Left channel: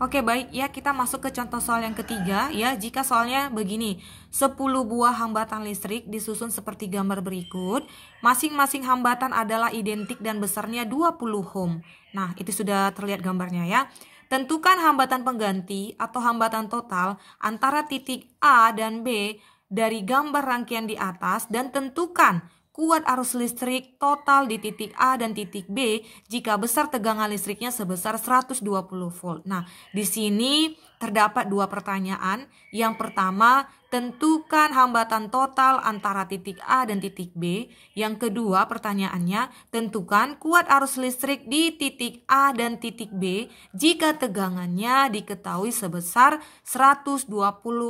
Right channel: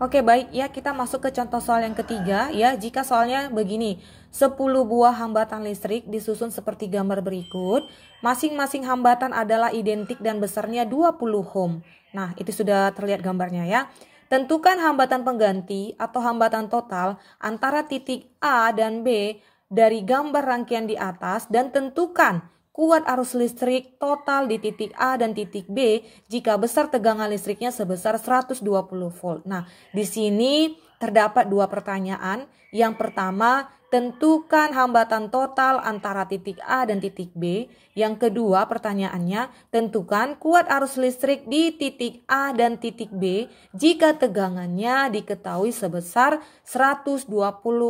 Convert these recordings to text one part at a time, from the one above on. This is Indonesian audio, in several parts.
Oke, baik ya, kita masuk ke contoh soal yang ketiga ya. Jika soalnya begini, 10 buah hambatan listrik disusun seperti gambar berikut. Masing-masing hambatan adalah identik dan besarnya 20 ohm. Nah, itu sudah terlihat gambarnya ya. Tentukan hambatan pengganti atau hambatan total antara titik A dan B dari gambar rangkaian di atas dan tentukan kuat arus listrik total di titik A dan titik B jika besar tegangan listriknya sebesar 120 volt. Nah, di sini terdapat dua pertanyaan. Yang pertama, tentukan hambatan total antara titik A dan titik B. Yang kedua, pertanyaannya, tentukan kuat arus listrik di titik A dan titik B jika tegangannya diketahui sebesar 120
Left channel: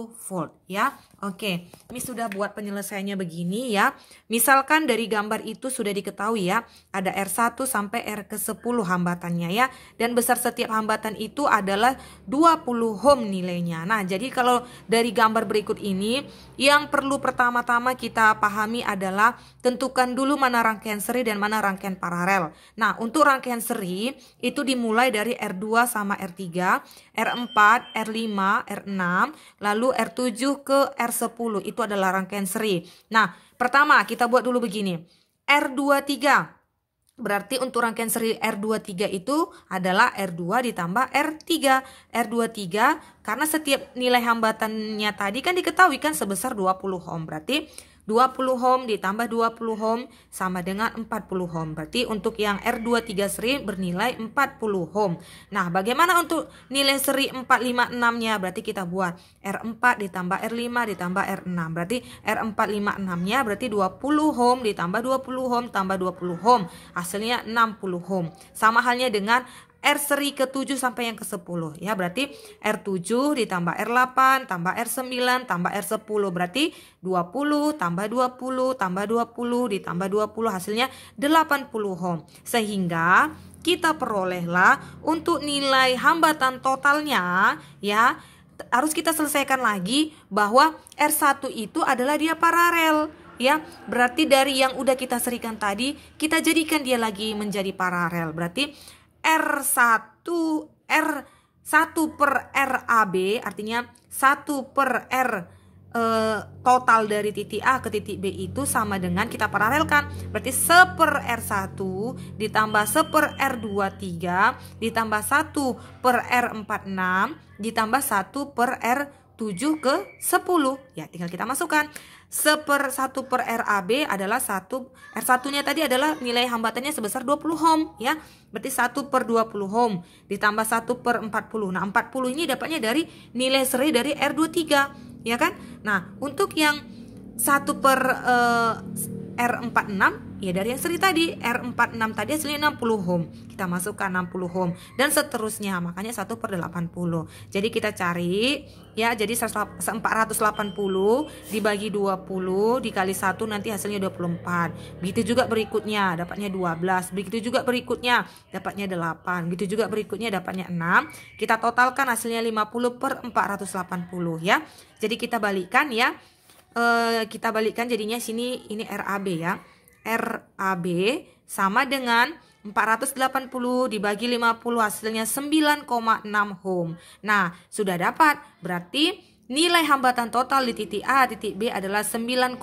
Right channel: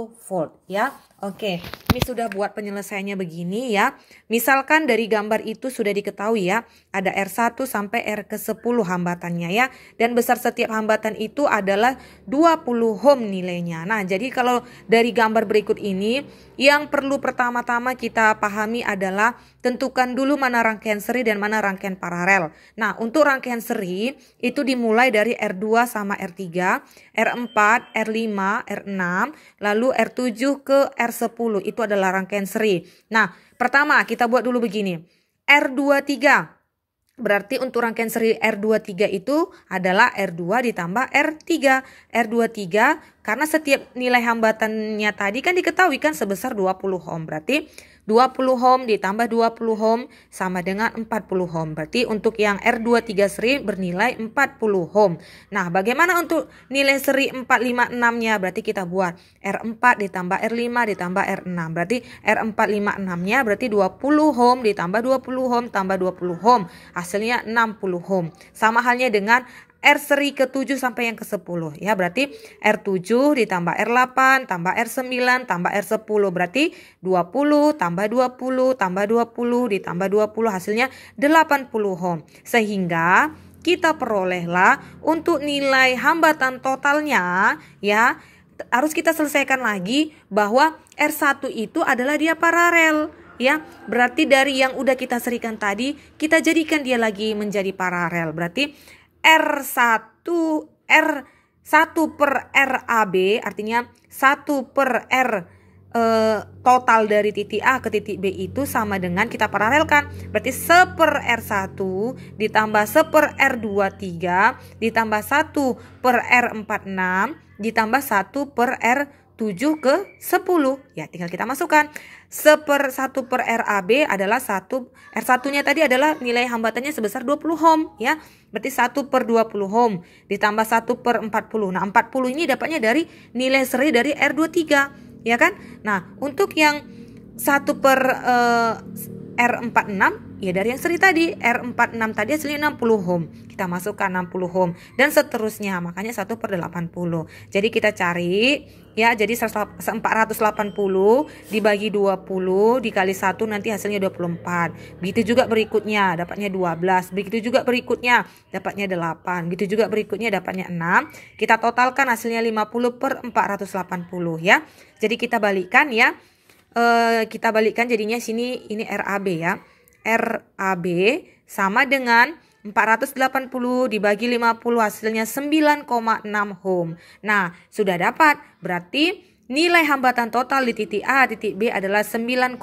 volt ya. Oke, ini sudah buat penyelesaiannya begini ya. Misalkan dari gambar itu sudah diketahui ya, ada R1 sampai R ke 10 hambatannya ya. Dan besar setiap hambatan itu adalah 20 ohm nilainya. Nah, jadi kalau dari gambar berikut ini, yang perlu pertama-tama kita pahami adalah tentukan dulu mana rangkaian seri dan mana rangkaian paralel. Nah, untuk rangkaian seri itu dimulai dari R2 sama R3, R4, R5, R6, lalu R7 ke R10 itu adalah rangkaian seri. Nah, pertama kita buat dulu begini. R23. Berarti untuk rangkaian seri R23 itu adalah R2 ditambah R3. R23 karena setiap nilai hambatannya tadi kan diketahui kan sebesar 20 ohm. Berarti 20 ohm ditambah 20 ohm sama dengan 40 ohm. Berarti untuk yang R23 seri bernilai 40 ohm. Nah, bagaimana untuk nilai seri 456-nya? Berarti kita buat R4 ditambah R5 ditambah R6. Berarti R456-nya berarti 20 ohm ditambah 20 ohm tambah 20 ohm. Hasilnya 60 ohm. Sama halnya dengan R seri ke-7 sampai yang ke-10 ya, berarti R7 ditambah R8 tambah R9 tambah R10 berarti 20 tambah 20 tambah 20 ditambah 20 hasilnya 80 ohm. Sehingga kita perolehlah untuk nilai hambatan totalnya ya, harus kita selesaikan lagi bahwa R1 itu adalah dia paralel ya. Berarti dari yang udah kita serikan tadi kita jadikan dia lagi menjadi paralel. Berarti R1 per RAB artinya 1 per R total dari titik A ke titik B itu sama dengan kita paralelkan. Berarti 1 per R1 ditambah 1 per R23 ditambah 1 per R46 ditambah 1 per R7 ke 10. Ya, tinggal kita masukkan. 1 per RAB adalah 1, R1-nya tadi adalah nilai hambatannya sebesar 20 ohm ya. Berarti 1 per 20 ohm ditambah 1 per 40. Nah, 40 ini dapatnya dari nilai seri dari R23 ya kan. Nah, untuk yang 1 per R46 ya dari yang seri tadi. R46 tadi hasilnya 60 ohm. Kita masukkan 60 ohm dan seterusnya. Makanya 1 per 80. Jadi kita cari ya, jadi 480 dibagi 20 dikali 1 nanti hasilnya 24. Begitu juga berikutnya dapatnya 12. Begitu juga berikutnya dapatnya 8. Begitu juga berikutnya dapatnya 6. Kita totalkan hasilnya 50 per 480 ya. Jadi kita balikkan ya. Kita balikkan jadinya sini ini RAB ya. RAB sama dengan 480 dibagi 50 hasilnya 9,6 ohm. Nah, sudah dapat. Berarti nilai hambatan total di titik A, titik B adalah 9,6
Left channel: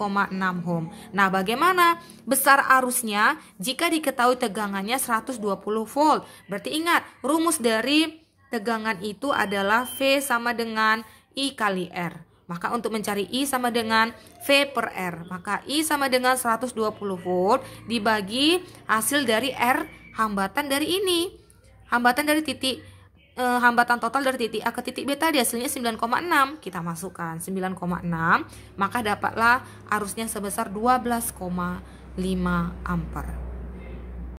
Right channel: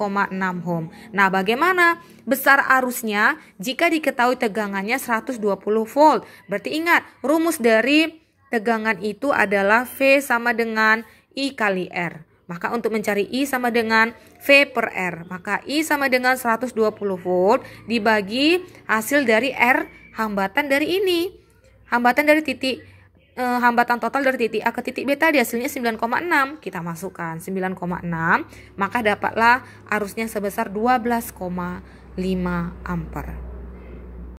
ohm. Nah, bagaimana besar arusnya jika diketahui tegangannya 120 volt? Berarti ingat, rumus dari tegangan itu adalah V sama dengan I kali R. Maka untuk mencari I sama dengan V per R. Maka I sama dengan 120 volt dibagi hasil dari R hambatan dari ini. Hambatan dari titik hambatan total dari titik A ke titik B tadi hasilnya 9,6. Kita masukkan 9,6. Maka dapatlah arusnya sebesar 12,5 ampere.